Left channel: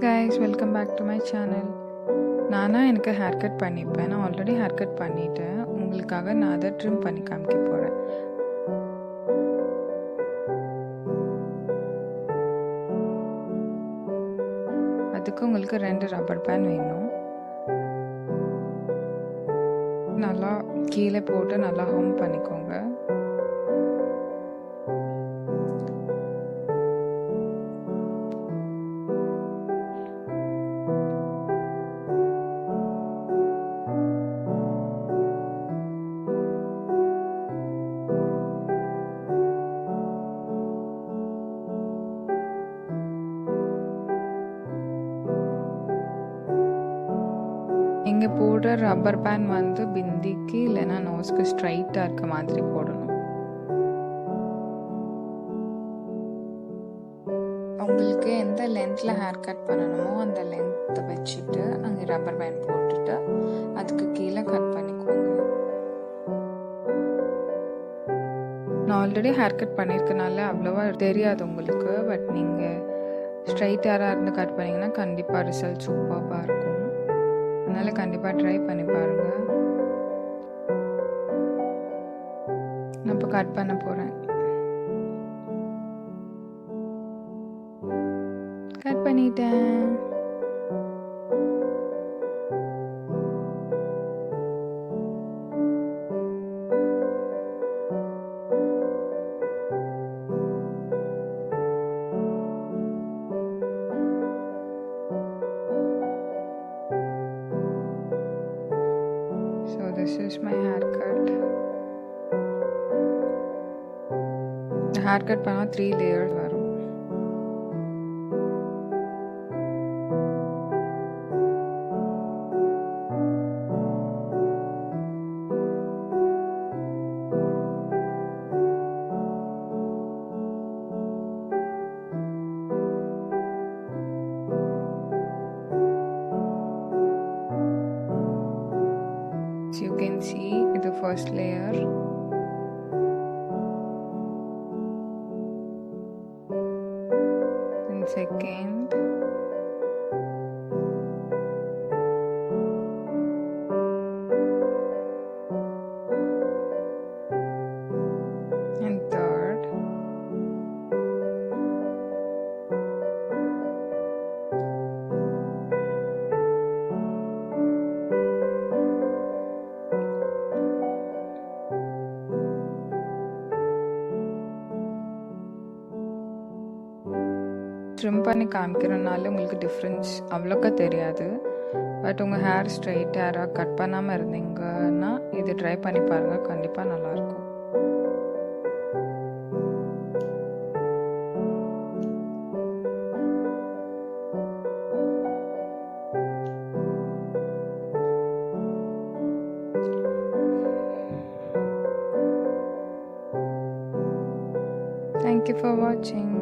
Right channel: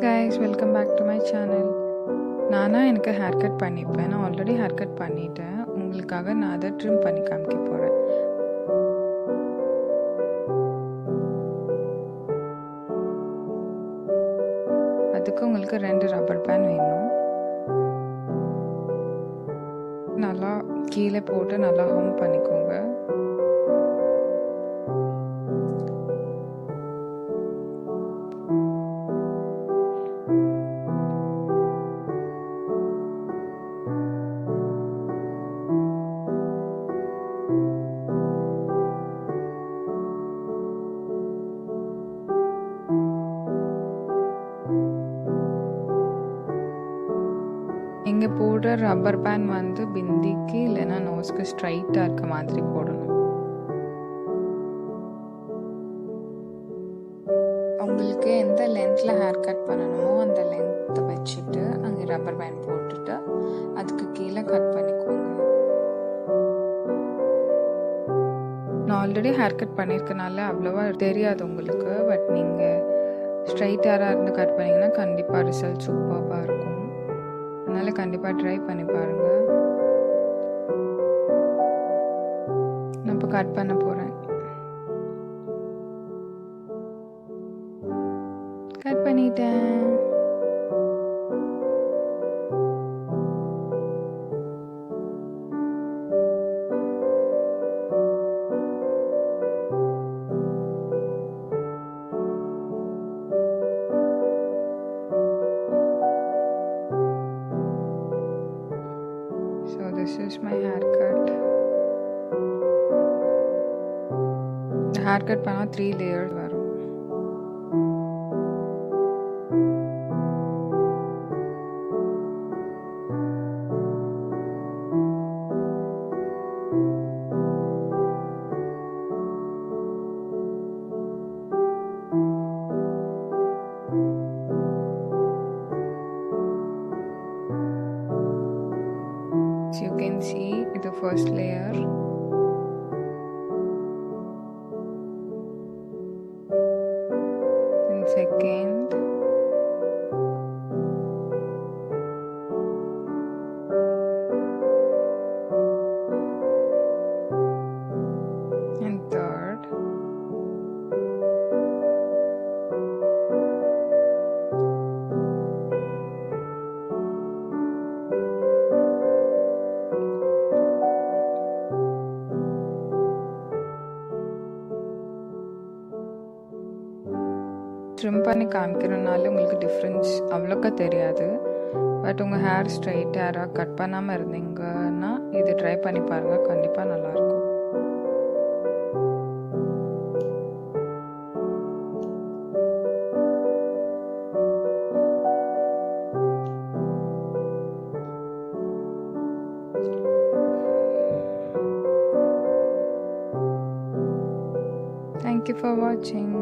guys, welcome back to my channel. நானா எனக்கு hair cut பண்ணிப்பேன். நான் ஆல்ரெடி ஹேர் கட் பண்ணிட்டேன். உங்களுக்காக நான் அதை ட்ரிம் பண்ணி காமிக்க போகிறேன். அதுக்கு உங்களுக்கு 2 ரப்பர் பேண்ட் வேணும். நல்லா கீழே போட்டு நல்லா ஹோம் பண்ணிக்கோங்க. இங்கே போடுற ரப்பர் பேண்ட் வந்து பிந்திக்கு இல்லைன்னா நோஸ்க்கு ஸ்ட்ரைட்டாக இருக்க மாதிரி போடணும். உங்களுக்கு எந்த லென்த்தில் ஹேர் கட் பண்ணணுமோ அந்த லென்த்தை வச்சுட்டு அங்கே ரப்பர் பேண்ட் போட்டுட்டு அதுக்கு கீழே கட் பண்ணிக்கோங்க. நான் ஆல்ரெடி ஹேர் கட் பண்ணியிருக்கனால அவ்வளோவா தெரியாது உங்களுக்கு. பட் நீங்கள் ஸ்ட்ரைட் ஹேராக இருந்து கட் பண்ணிங்கன்னா கண்டிப்பாக ரிசல்ட் சூப்பராக இருக்கும். அதனால் கண்டிப்பாக ட்ரை பண்ணி பாருங்கள். நான் இப்போ கட் பண்ண போகிறேன். கட் பண்ணிட்டேன். So this is my haircut. The haircut பண்ணா 3 layers வரும். So you can see the first layer, then second, and third, trim பண்ணி காமிக்கிறனால உங்களுக்கு டிஃப்ரென்ஸ் அவ்வளோக்கா தெரியாது. பட் உங்கள் ஹேர் ஸ்ட்ரைட் ஹேராக கட் பண்ணாமல் இருந்தீங்கன்னா இது ட்ரை பண்ணி பாருங்கள், கண்டிப்பாக நல்லாயிருக்கும். Thank you for watching.